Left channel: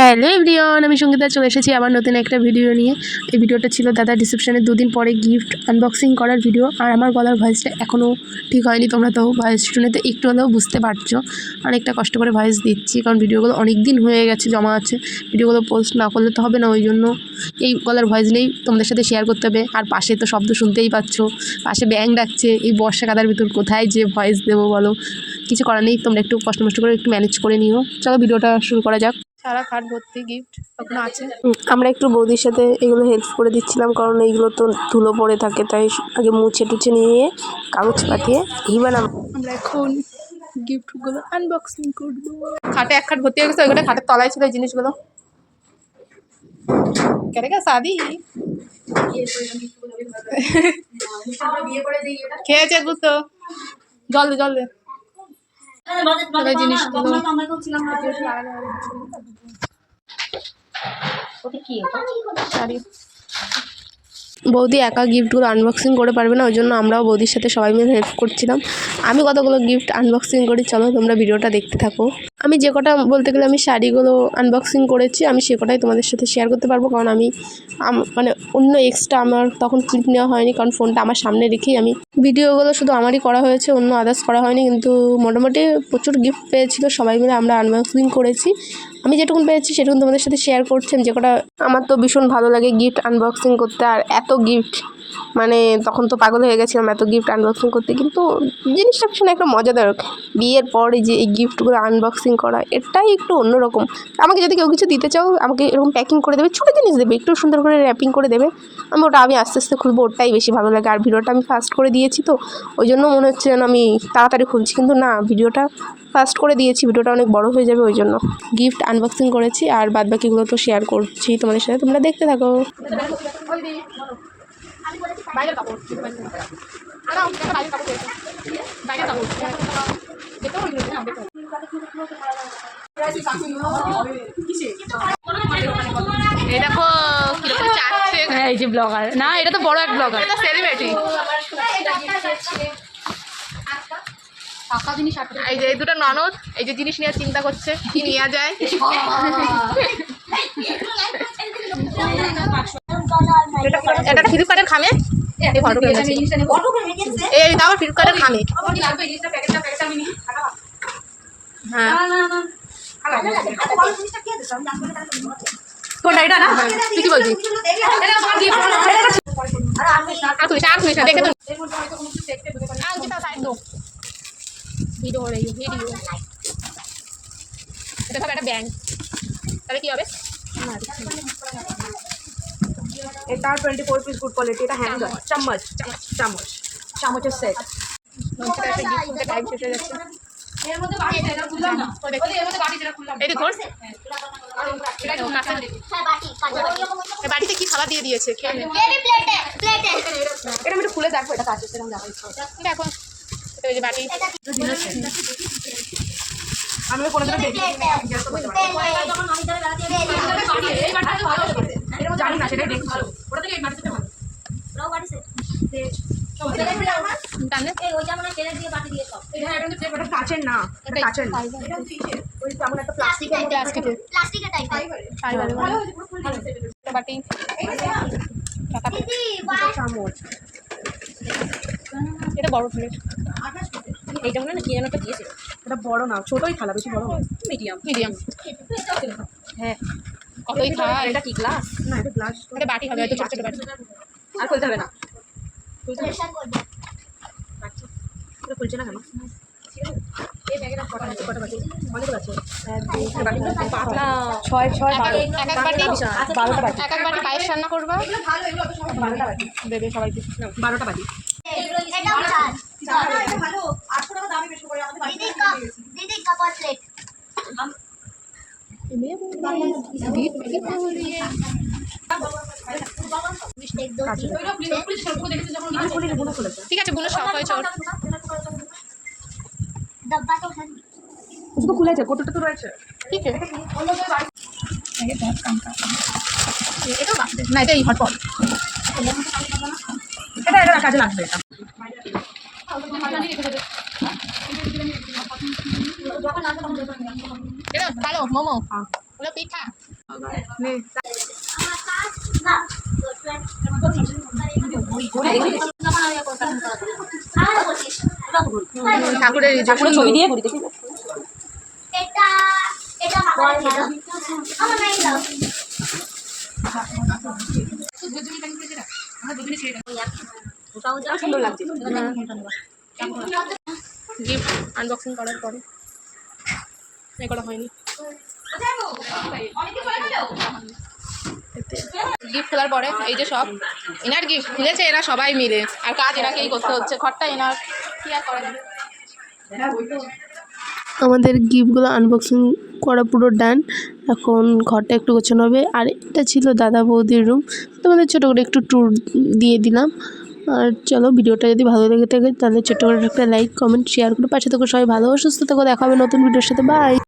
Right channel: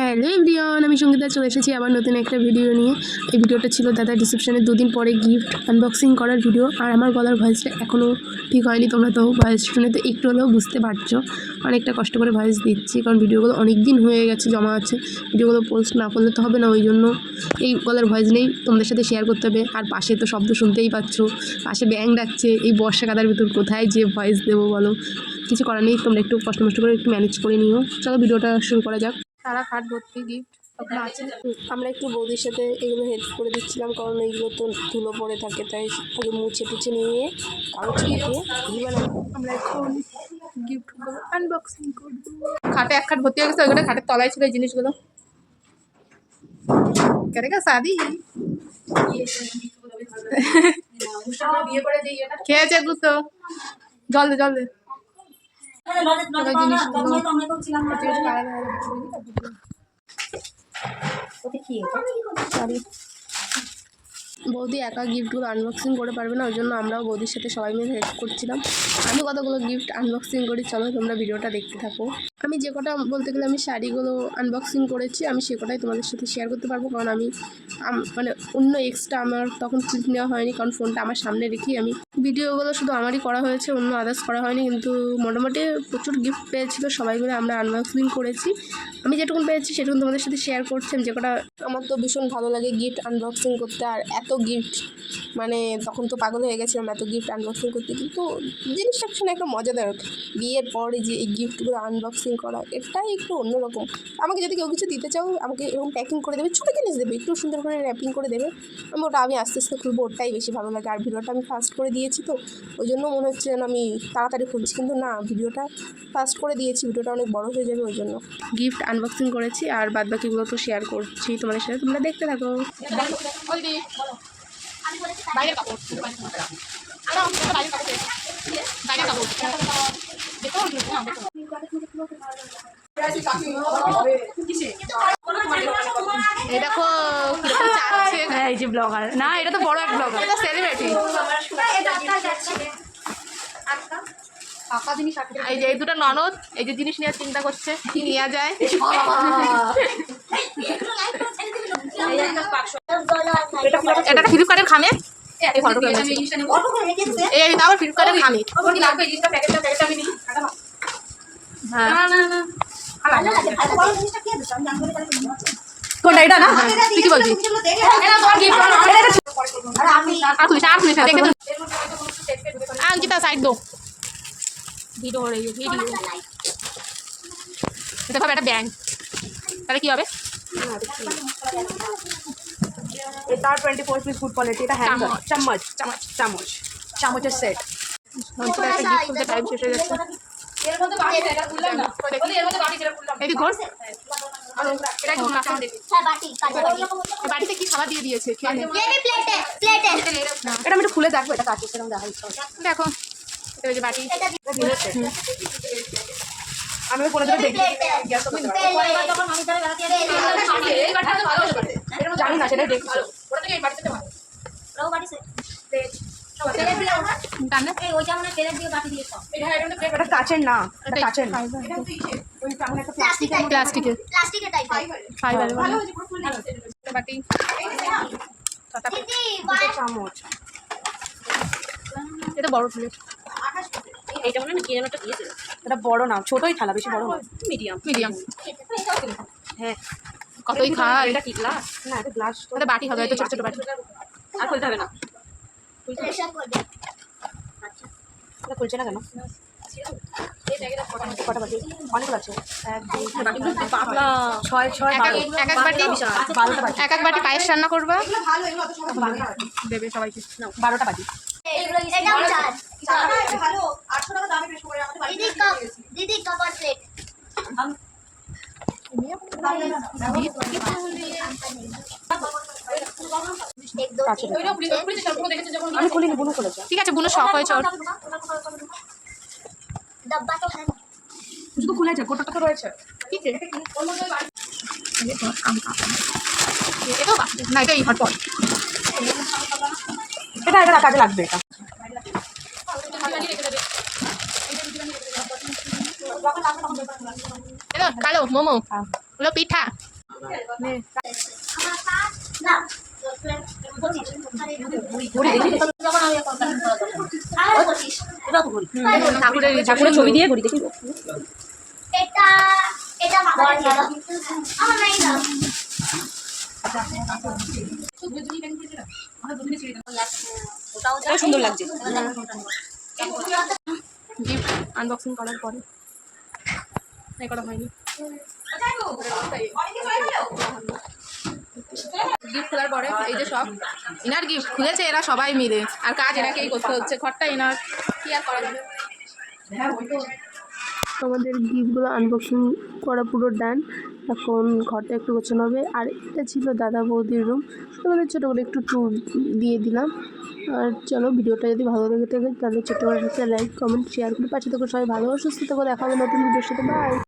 Hello everyone, আমি সঙ্গীতা চলে এসেছি আবার নতুন একটা ভিডিও নিয়ে। এই ভিডিওটা ছিল দাদা রিসেপশনের 2 দিন পরে গিফট আনবক্সিং করার ভিডিও। আর আমার গলার ভয়েসটা এখনও ঠিক হয়নি, তোমরা তো ভয়েস শুনে তো একটু হলেও বুঝতে পারছো। অনেকটা কষ্ট করে ভয়েস দিচ্ছি, কারণ ভিডিওগুলো অনেক দিন হয়ে গেছে জমা আছে, ভিডিওগুলো পোস্ট না করলে তো হবে না। ওই জন্য এই গলার ভয়েস নেই, তোমাদের সাথে শেয়ার করতে হবে। আর পাশে তো শব্দ শুনতেই পাচ্ছ, পাশে ব্যাং ডাকছে। এই বর্ষা কাদার ভিতর কোথায় যে ভয়েস দেবো বলো, কিছু করার নেই। তোমরা একটু কষ্ট করে একটু ম্যানেজ করে নিও। চলো ভিডিওটা শুরু করা যাক। সারা খাট ভর্তি গিফট তখন আছে। আমরা একটু বৌদির সাথে এগুলো হেল্প করে দিচ্ছিলাম, কারণ এইগুলো তো ধুলো পড়ে থাকে, তাই আগে মুছে টুছে নিয়ে কাগজ পাঠিয়ে এইবার আমরা এখন গিফটগুলো আনবক্সিং করবো। খাটে এক খাট ভর্তি হয়ে গেছে, ওইগুলো খাটের তলায় ছিল এই জিনিসগুলো। কেটে শাদি খেয়েছে গুতো, জল দে জল দে। বৌদি একা গিফটগুলো আনবক্সিং করে পারবে না, ওই জন্য আমরাও বৌদির সাথে সবাই মিলে হেল্প করছিলাম। আমি কতগুলো গিফট আনবক্সিং করি, চলো তোমরা ভিডিওটা দেখতে থাকো। আমি যে কটা বলতে গেলে আমি শাড়িগুলো আনবক্সিং করেছি, আমি সে কটাই তোমাদের সাথে শেয়ার করতে পারবো, কারণ আমি মানে অন্য এক্সট্রা আমার তখন ক্লিপ নেওয়া হয়নি, কারণ ফোনটা আমার সামনে রেখেই আমি ভিডিওগুলো শুধু আমারই করা হয়েছে, অন্য আদার্স করা হয়নি। কিন্তু মোটামুটি প্রচুর গিফট পেয়েছিল, সবাই মিলে আমরা আনবক্সিং করেছি। আমি যেটুকুন পেয়েছি সেটুকুন তোমাদের সাথে শেয়ার করছি। যে কটা আমার তো ভীষণ ভালো লাগে গিফট আনবক্সিং করতে, আর এত গিফট মানে তখন তো পাগল হয়ে গেছিলাম এত গিফট আনবক্সিং করতে। কিন্তু জিনিসটা ভীষণ একটা মজাদার, বিয়ের পরে যে এই গিফটগুলো আনবক্সিং করা এটাই একটু অন্যরকম। আমাকে যদি কেউ কিছু দিতে চাও, আমাকে এরকম প্যাকিং করে দেবে, ছোটো জিনিস দেবে, একটু সুন্দর করে র্যাপিং করে দেবে, আমি আস্তে আস্তে খুলবো, ওটাই বেশি ভালো লাগে। আর ভিডিওটা আমি ফাস্ট করে দিয়েছি, তো ওই জন্য মনে হচ্ছে যেন আমি তাড়াতাড়ি খুলছি, কিন্তু না, ভিডিওটা ফাস্ট করে দিয়েছি, ভিডিওটা অনেক বড় হয়ে যাবে, ওই জন্য গিফট আনবক্সিং করেছি। আর বাদবাকিগুলো তো শেয়ার করছি তোমাদের সাথে, তোমরা দেখতে থাকো। বাইরের কাপড় এই দেখো এই যে ব্লগার, না এটা তো বড় এক ব্লগার, এটা সেলিব্রিটি। এই যে এই দুটো ননদ, এই যে জিনিস নিয়ে চিন্তা করছে কি নেওয়া যায়। এটা ফ্লিপকার্টের খামে, এই ফটো এই তাও ফ্লিপকার্টের খামে। হ্যাঁ কোনটা এটা না, তুই কি বলছিস? অঙ্কিতা সাইড দো, ভিডিও হয়ে গেছে, ভিডিও এটা হবে একটা ব্যান্ড, তাহলে কি হবে? এটা 24 পিস গুড কোয়ালিটি, এটা হ্যান্ডেল চামচ চামচ চামচের সেট। একটা গিফট খুলতে টাইম শেষ হয়ে যাচ্ছে। এর মধ্যে বাটি এটা খুললাম না, বলি এর মধ্যে বাটি যেটা খুললাম এই দেখুন, এটা কি কাঁচা দেখি, হ্যাঁ বাটি কাঁচা এই বাটিতে কি খাবার দিয়ে দিয়েছে, খেয়ে নে। এই প্লেটে এটা আমি একটু খুলে দেখবো, এটা কাঁচের সেরকম দেখা যাচ্ছে। দেখো এটা যে বাটি, আমি কোনোদিন দেখি যখন আমি ধরে বেড়াতে যাই এই বাটিটা তো ভালো হবে, জানি না, সেটাই দেখছি। ওটা থেকে এই বাটিটা ভালো, রাও বাটি সে টানে এই ওইটা মানে তেলের দিয়ে বাটি দিয়ে সব এটা এটা কাচের না, এটা কাচের না, ওই কেমন একটা প্লাস্টিকের প্লাস্টিকের টাইপের ফাইবার বাটি, দিদি চামচ। এটা বড় প্লেট, এইটা মনে হয় কি যেন একটা দিয়েছিল, এটা বড় না, ছোটই থালা, বেশি বড় নয়, মিডিয়াম মিডিয়াম। হ্যাঁ। কতই খায়, এটা কি গ্লাস? না এটা গ্লাস, এটা বাটি হবে, এটা ছোট ছোট বাটি। আর খুলতে হবে না, প্রেসার করবে এটা খুলছে না কেন? এই ব্যাগের কটা বাটি? অনেক আছে, 12টা বাটি। এক এক বাটি পায়েস রান্না করবা, 12টা বাটি দেবে সবাইকে। 12টা বাটি। এটাও চার ভালো 800 টাকা দামে বেশি করে আমাদের দিদি কাপ আর প্লেট एक दो तीन ঠিক আছে, বুনো শখ হয়েছে ওর। डब्बा तो है শুধু খুলেছে, কোটোটা তো রয়েছে। ঠিক আছে, এটাও বাকি না, এটাই হটপট। এটা এটা কাজে লাগবে, এটা এটা কালো মোমো হলো পিঠা। ঠাকুরের ঠাকুরের ছবি দিয়ে ঘড়ি দেখি এটা এটা মাথায় দিয়ে দাও। আমার নাই দাও। ওটাও সুন্দর লাগছে। গিফট আনবক্সিং করার পরে এ করা হয়নি। গিফট খোলার পরে এই যে সব ইনার গিফট খুলেছে এরা সবাই মিলে, আর কাজ এনাকেই করতে হচ্ছে। ঘরটা ইনার, কি আর করা যাবে। আমাদের গিফটগুলো আনবক্সিং করা পুরো ডান। এখন ঘরটা একটু গোছানো হবে। আর এটা ছিল দাদা বৌদির রুম, তোমাদের ছোটো করে একটু ট্যুর দিয়ে দিলাম। আর চলো, ভিডিওটা যদি ভালো লেগে থাকে তাহলে ছোটো করে একটা লাইক কমেন্ট শেয়ার করে পাশে থাকো। সবাই ভালো ও সুস্থ থাকো। দেখা হবে নতুন ভিডিওর সাথে। বাই।